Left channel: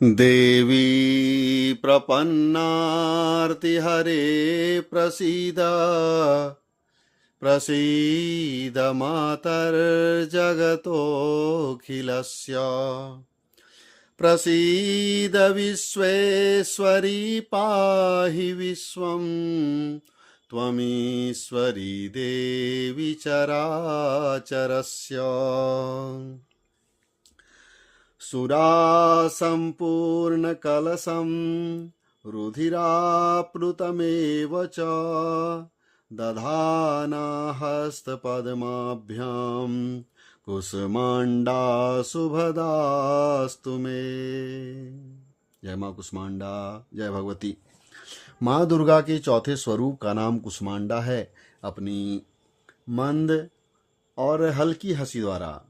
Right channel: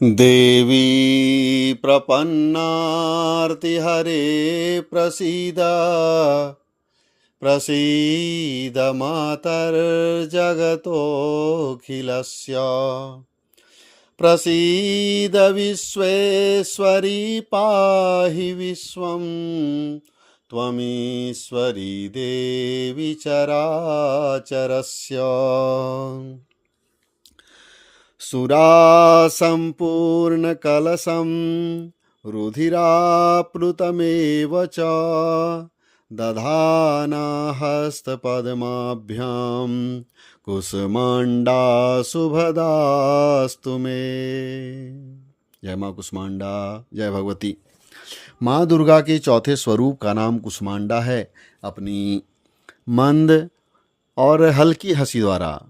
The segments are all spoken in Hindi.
देवी प्रपन्नार्तिहरे प्रसीद प्रसीद मातर्जगतोऽखिलस्य प्रसीद विश्वेश्वरी पाहि विश्वं त्वमीश्वरी देवी चराचरस्य सुरासम्पूर्णकलशं रुधिराप्लुतमेव च दधाना हस्तपद्माभ्यां कुसुमाण्डा शुभदास्तु मे। जय माँ कुसुमाण्डा, जय भगवती। माँ दुर्गा के चौथे स्वरूप का नाम कुसुमाण्डा है। अपनी मंद और हल्की हंसी द्वारा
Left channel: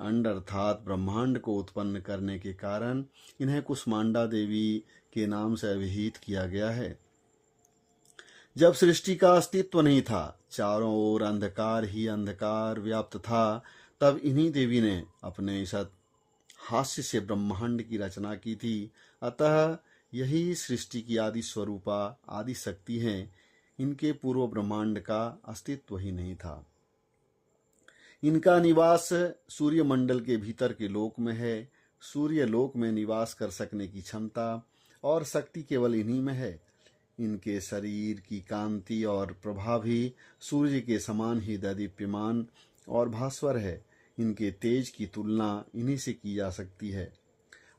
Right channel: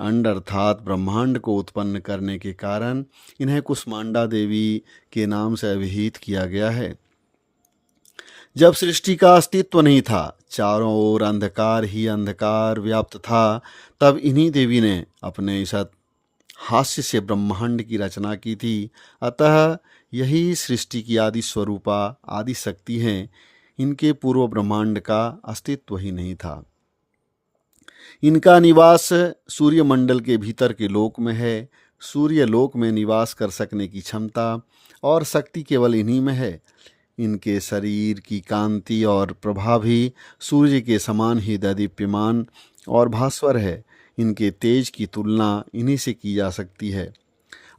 अंड अर्थात ब्रह्मांड को उत्पन्न करने के कारण इन्हें कुसुमाण्डा देवी के नाम से अभिहित किया गया है। जब सृष्टि का अस्तित्व नहीं था, चारों ओर अंधकार ही अंधकार व्याप्त था, तब इन्हीं देवी ने अपने इस हास्य से ब्रह्मांड की रचना की थी। अतः यही सृष्टि की आदि स्वरूपा आदि शक्ति हैं। इनके पूर्व ब्रह्मांड का अस्तित्व ही नहीं था। इनका निवास सूर्यमंडल के भीतर के लोक में है। सूर्य लोक में निवास कर सकने की क्षमता और शक्ति केवल इन्हीं में है। इनके शरीर की कांति और प्रभा भी सूर्य के समान ही दैदीप्यमान और भास्वर है। इनके तेज की तुलना इन्हीं से की जा सकती है।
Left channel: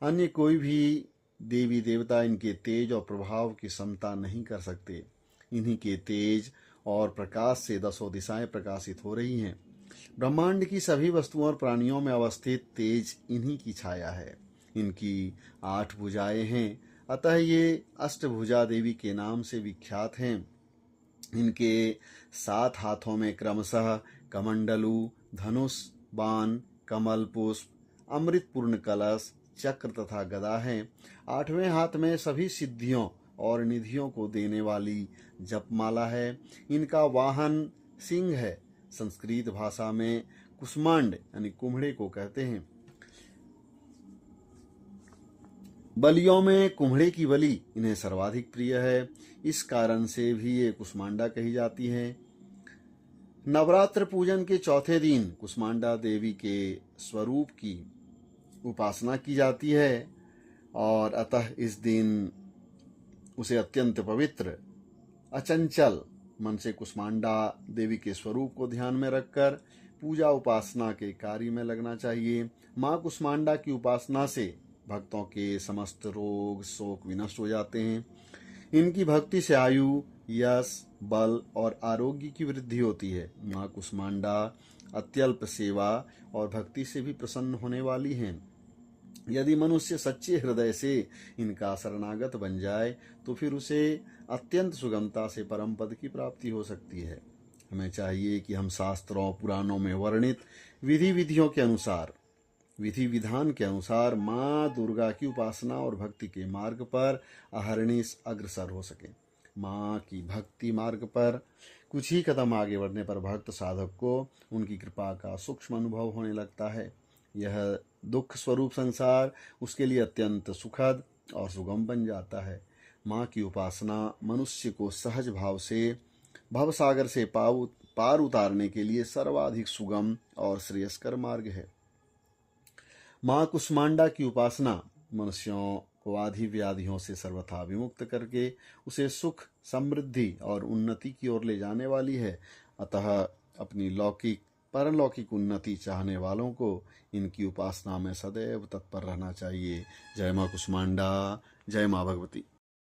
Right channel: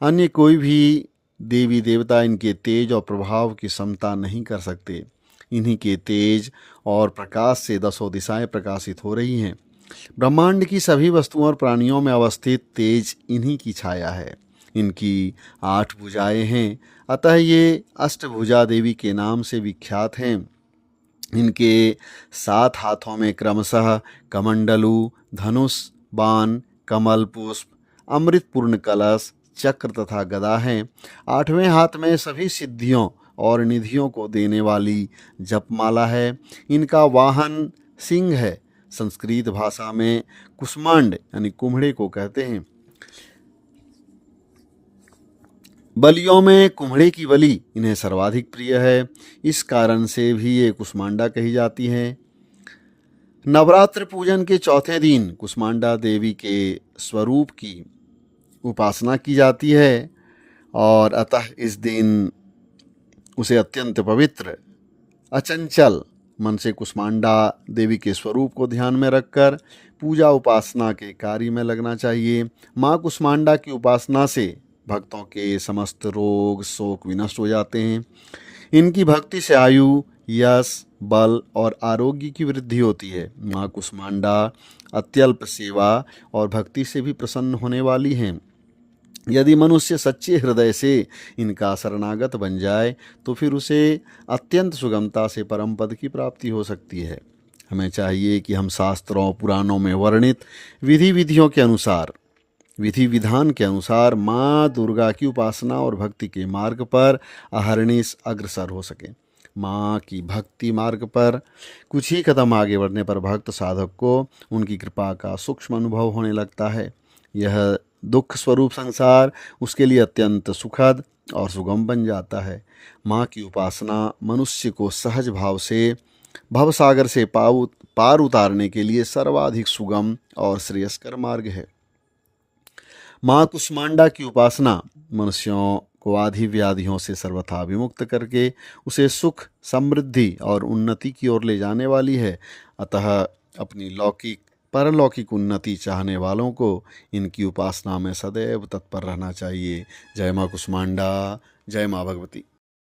अन्य कोई भी देवी देवता इनके तेज और प्रभाव की समता नहीं कर सकते। इन्हीं के तेज और प्रकाश से दसों दिशाएं प्रकाशित हो रही हैं। ब्रह्मांड की सभी वस्तुओं और प्राणियों में अवस्थित तेज इन्हीं की छाया है। इनकी 8 भुजाएं हैं, अतः ये अष्टभुजा देवी के नाम से विख्यात हैं। इनके 7 हाथों में क्रमशः कमंडलू, धनुष, बाण, कमल पुष्प, अमृतपूर्ण कलश, चक्र तथा गदा हैं। 8वें हाथ में सभी सिद्धियों और निधियों को देने वाली जपमाला है। इनका वाहन सिंह है। संस्कृत भाषा में कुष्मांड यानी कुम्हड़े को कहते हैं। बलियों में कुम्हड़े की बलि इन्हें सर्वाधिक प्रिय है। इस कारण से भी ये कुसुमाण्डा कही जाती हैं। नवरात्र पूजन के चौथे दिन कुसुमाण्डा देवी के स्वरूप की उपासना की जाती है और अतः इस दिन उसे अत्यंत पवित्र, अचंचल मन से कुसुमाण्डा देवी के स्वरूप को ध्यान में रखकर पूजा उपासना के कार्य में लगना चाहिए। माँ कुसुमाण्डा की उपासना से भक्तों के समस्त रोग शोक विनष्ट हो जाते हैं। इनकी भक्ति से आयु, यश, बल और आरोग्य की वृद्धि होती है। माँ कुसुमाण्डा अत्यल्प सेवा और भक्ति से भी प्रसन्न होने वाली हैं। यदि मनुष्य सच्चे हृदय से इनका शरणागत बन जाए तो फिर उसे अत्यंत सुगमता से परम पद की प्राप्ति हो सकती है। हमें चाहिए कि हम शास्त्रों पुराणों में वर्णित विधि विधान के अनुसार माँ दुर्गा की उपासना और भक्ति के मार्ग पर अहर्निश अग्रसर हो सके। माँ की भक्ति मार्ग पर कुछ ही कदम आगे बढ़ने पर भक्त साधक को उनकी कृपा का सूक्ष्म अनुभव होने लगता है। यह दुख स्वरूप संसार उसके लिए अत्यंत सुखद और सुगम बन जाता है। माँ की उपासना मनुष्य को सहज भाव से भवसागर से पार उतारने के लिए सर्वाधिक सुगम और श्रेयस्कर मार्ग है। माँ कुसुमाण्डा की उपासना मनुष्यों को आदि व्याधियों से सर्वथा विमुक्त करके उसे सुख, समृद्धि और उन्नति की ओर ले जाने वाली है। अतः अपनी लौकिक परलौकिक उन्नति चाहने वालों को इनकी उपासना में सदैव तत्पर रहना चाहिए। जय माँ कुसुमाण्डा, जय माँ भगवती।